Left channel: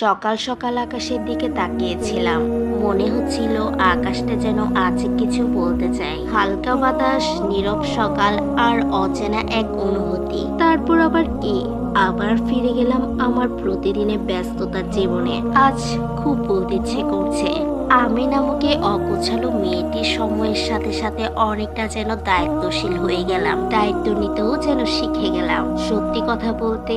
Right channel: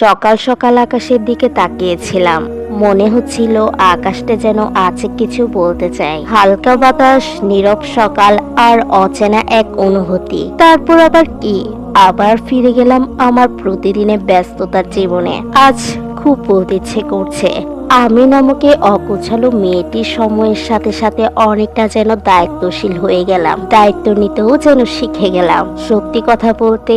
সকাল সকাল আকাশের দিকে তাকিয়েছিলাম। মনে হচ্ছিল আকাশটা যেন আছে কিছু বলতে চায়। হালকা বাতাস, নীরব সকাল আর অচেনা এক অনুভূতি। তারপর আবার কি, আবার ফিরে গেলাম আমার প্রতিদিনের ব্যস্ততার জীবনে। আজ খুব বলতে ইচ্ছে করছে। আমি নামকে অগোছালো মেয়েটি সময়ের সাথে সাথে অনেকটা যেন দায়িত্বশীল হয়ে গেলাম। দায়িত্ব নিতেও যেন শিখে গেলাম। সত্যি কথা বলতে,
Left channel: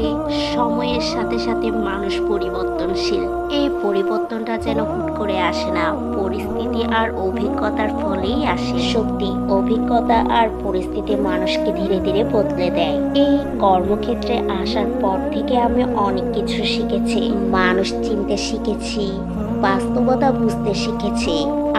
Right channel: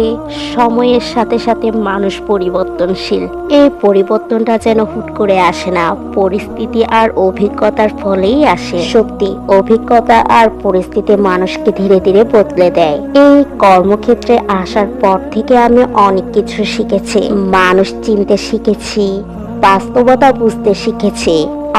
সময়ের সাথে সাথে মানুষ পরিবর্তনশীল। এই পরিবর্তনটা যেন হুট করে আসে না, পরিস্থিতি আর অভিজ্ঞতার ফলেই আসে। সত্যি, অভিজ্ঞতা আর পরিস্থিতি মানুষকে ধীরে ধীরে বদলে দেয়। এই কর্মক্ষেত্রে আসার পর থেকে আমি অনেক কিছু শিখেছি। মানুষ চিনতে শিখেছি, বাস্তবতা বুঝতে শিখেছি,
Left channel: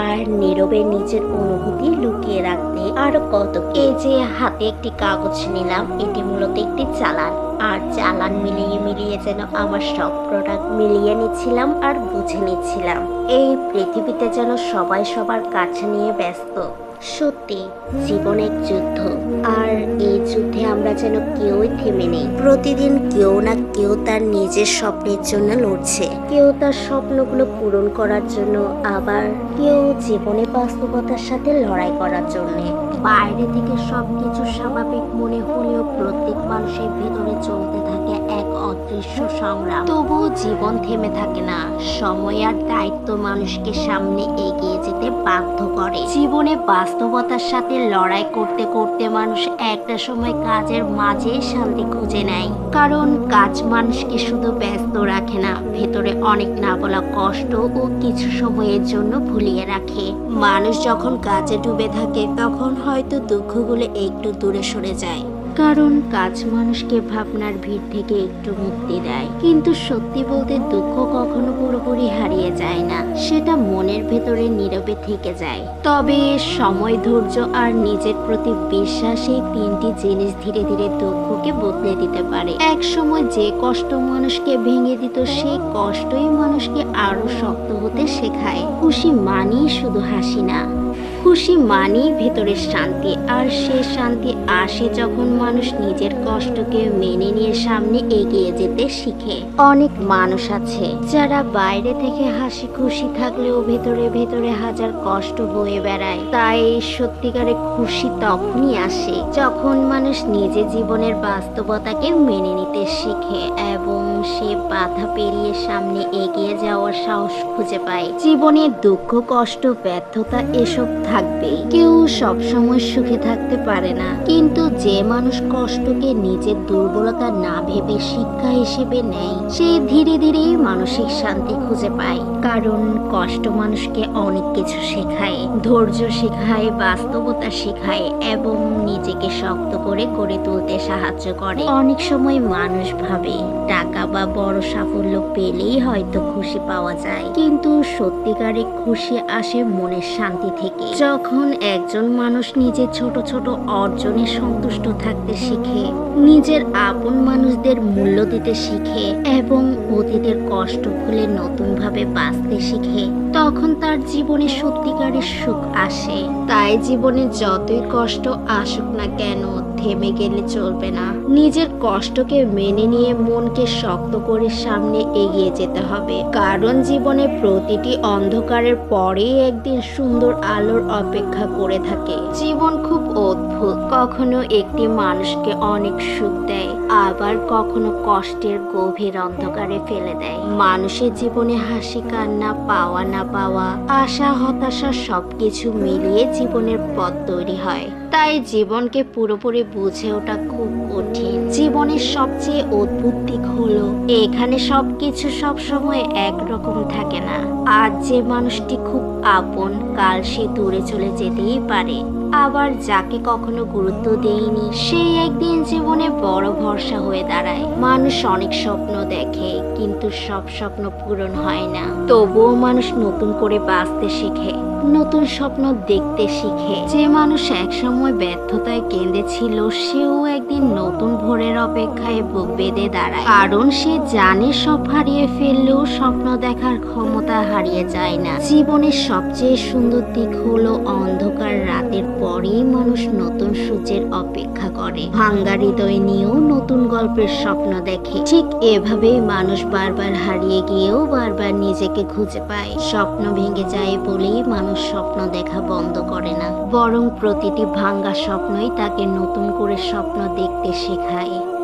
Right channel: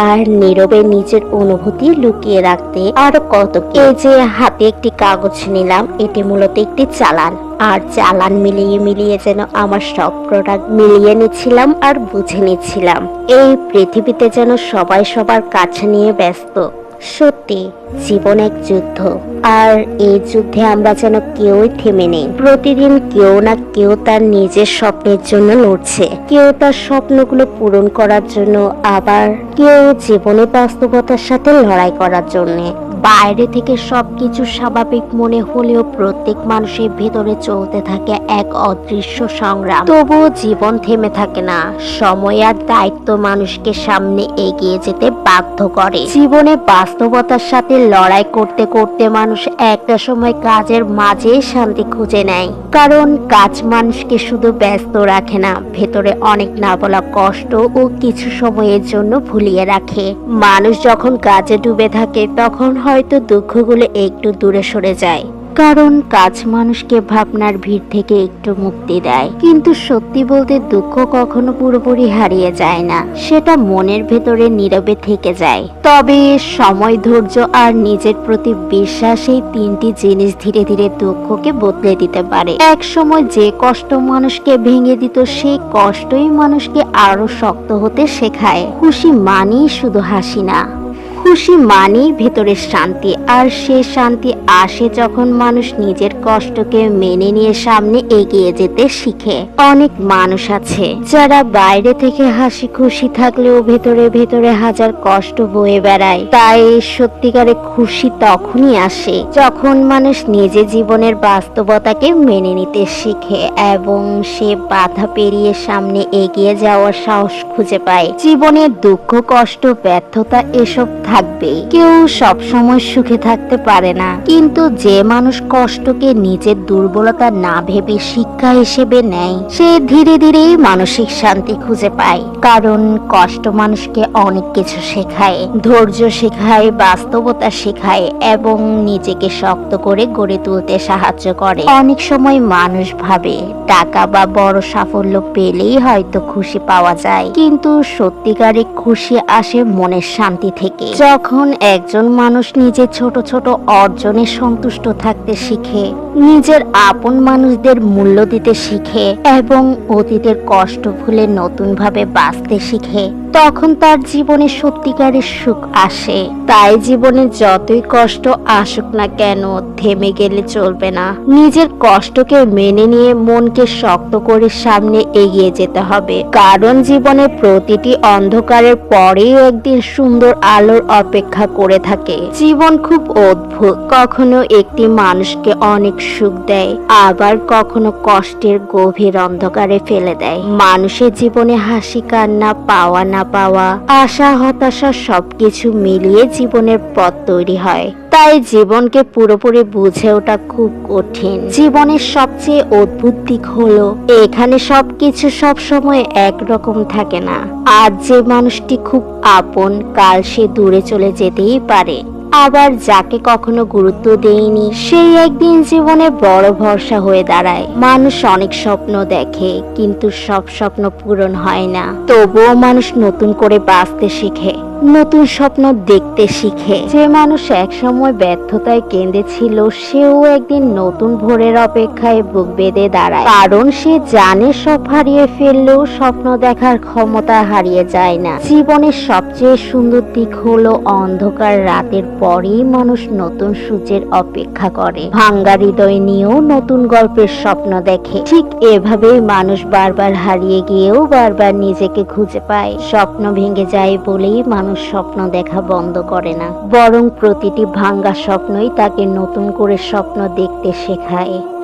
আর নীরবে নিজের অনুভূতি লুকিয়ে রাখতে আরো কত। এই যে হাতে একটি কাগজ নিলাম, এটি মূলত একটি চালান। আর চালান মিলিয়ে মিলিয়ে যেন আমার সব প্রোডাক্ট মিলিয়ে নিচ্ছিলাম আর বুঝে নিচ্ছিলাম। এই পৃথিবীতে যেন সবাই সবার কাছে নিয়ে ব্যস্ত। সত্যি, জীবন এক যুদ্ধ, আর এই যুদ্ধে আমরা যেন কেউই থেমে নেই। প্রতিদিন কেউ না কেউ তার নিজের স্বপ্নের জন্য লড়ছে, কেউ তার স্বপ্নগুলো পূরণ করার জন্য, আবার কেউ জীবনের বাস্তবতার সাথে লড়াই করার জন্য। বাইরে থেকে সবকিছু স্বাভাবিক মনে হলেও প্রত্যেক মানুষের ভেতরে চলতে থাকে এক অদৃশ্য সংগ্রাম। তবুও জীবন থেমে থাকে না। সময় আর দায়িত্ব মানুষকে সামনে এগিয়ে যেতে বাধ্য করে। জীবনে বাস্তবতার সাথে লড়াই করতে করতে মানুষ একটা সময় কাজের মাঝে শান্তি খুঁজে নেয়। কারণ কাজ মানুষকে শুধু ব্যস্ত রাখে না, ভেতরে অনেক না বলা কষ্ট ও কিছু সময়ের জন্য ভুলিয়ে রাখে। মানুষ যখন কাজে ডুবে থাকে তখন হয়তো দুঃখগুলো একটু দূরে সরে যায়, কারণ কাজ মানুষকে ভাবনার ভিড় থেকে একটু মুক্তি দেয়। কিন্তু সত্যি বলতে, দুঃখ কখনো পুরোপুরি হারিয়ে যায় না, সেটা মনের ভেতরে নীরবে থেকে যায়। তবে সময়, ধৈর্য আর নিজের প্রতি বিশ্বাস, এই তিনটি জিনিস ধীরে ধীরে দুঃখকে বদলে দিতে পারে। এক সময় যে কষ্ট মানুষকে ভেঙে দিত, সেই কষ্টই মানুষকে আরো শক্ত হতে শেখায়। খুশি মানেই শুধু হাসি না, খুশি মানেই ভেতরের শান্তি। আর সে শান্তি আসে যখন মানুষ নিজের কষ্টকে মেনে নিয়ে সামনে এগিয়ে যেতে শিখে। অনেক মানুষ আছে যারা বাইরে থেকে হাসি খুশি থাকলেও ভেতরে ভেতরে হাজার কষ্ট বয়ে বেড়ায়। তাই সত্যিকারে খুশি তখনই আসে যখন মানুষ নিজের জীবনের বাস্তবতাকে মেনে নিতে শিখে এবং সে বাধা পেরিয়ে সামনে এগিয়ে যাওয়ার সাহস খুঁজে পায়। জীবনে দুঃখ, কষ্ট, ব্যর্থতা এসব থাকবে। কেউ সব সময় সুখে থাকতে পারে না, কিন্তু যে মানুষ কষ্টকে নিজের দুর্বলতা না ভেবে শিক্ষা হিসেবে নেয়, সে ধীরে ধীরে মানসিক শান্তি খুঁজে পায়। কারণ কষ্ট মানুষকে অনেক কিছু শেখায়, ধৈর্য শেখায়, বাস্তবতা শেখায় এবং নিজেকে শক্ত করে গড়ে তুলতে সাহায্য করে। অনেক সময় মানুষ ভাবে টাকা বা বড় সাফল্য পেলেই হয়তো খুশি পাওয়া যায়, কিন্তু সত্যিকারে খুশি আসে মনের শান্তি থেকে। যখন একজন মানুষ নিজের ছোট ছোট অর্জনে সন্তুষ্ট থাকতে শিখে, নিজের আপন মানুষদের মূল্য দিতে শিখে এবং অতীতের কষ্ট ভুলে নতুন ভাবে বাঁচতে শিখে, তখন তার জীবনে সত্যিকারের সুখ আসে। তাই জীবনে যতই কষ্ট আসুক না কেন, থেমে গেলে চলবে না। নিজের কষ্টকে মেনে নিয়ে মনকে শক্ত করে সামনে এগিয়ে যেতে হবে। কারণ জীবনে প্রতিটি অন্ধকারের পরেই একদিন সুন্দর আলোর অপেক্ষা করে থাকে। জীবন খুব অদ্ভুত, কখনো একটি মানুষকে অনেক সুখ দেয়, আবার কখনো কষ্টের গভীর অন্ধকারে ফেলে দেয়। মানুষের জীবনে হাসি, কান্না, পাওয়া না পাওয়া, আশা, হতাশা সবকিছু মিলিয়ে জীবনের পথ তৈরি হয়। তাই জীবনকে পুরোপুরি বুঝে ওঠা খুব কঠিন। জীবনের সবচেয়ে অদ্ভুত দিক হলো এখানে সবকিছু সবসময় একরকম থাকে না। আজ যে মানুষটি খুব আপন, কাল সে দূরে চলে যেতেই পারে। আবার যাকে কখনো গুরুত্ব দেয়নি, সেই একদিন জীবনে বড় ভরসা হয়ে দাঁড়ায়। মানুষ অনেক স্বপ্ন দেখে, কিন্তু সব স্বপ্ন পূরণ হয় না। তবুও মানুষ নতুন করে বাঁচতে শিখে। নতুন স্বপ্ন দেখতে শিখে। যে মানুষ একসময় ব্যর্থতায় কেঁদেছিল, সেও একদিন নতুন ভোরের অপেক্ষায় বুক বেঁধে দাঁড়ায়, কারণ সে জানে সব হারিয়ে ফেললেও স্বপ্ন দেখার ক্ষমতা হারিয়ে যায় না। জীবনের সবচেয়ে সুন্দর দিক হলো অন্ধকার রাতের পরেই মানুষ নতুন সূর্যের অপেক্ষা করে, ভাঙ্গা হৃদয় নিয়েও নতুন গল্পের স্বপ্ন দেখে। ঠিক এভাবেই মানুষ বারবার হারিয়ে গিয়েও বারবার নিজেকে খুঁজে পায়। স্বপ্ন ভেঙে যায় বলেই মানুষ স্বপ্ন দেখা বন্ধ করে না, বরং প্রতিটি ভাঙ্গা স্বপ্নই তাকে নতুন করে স্বপ্ন দেখতে শেখায়।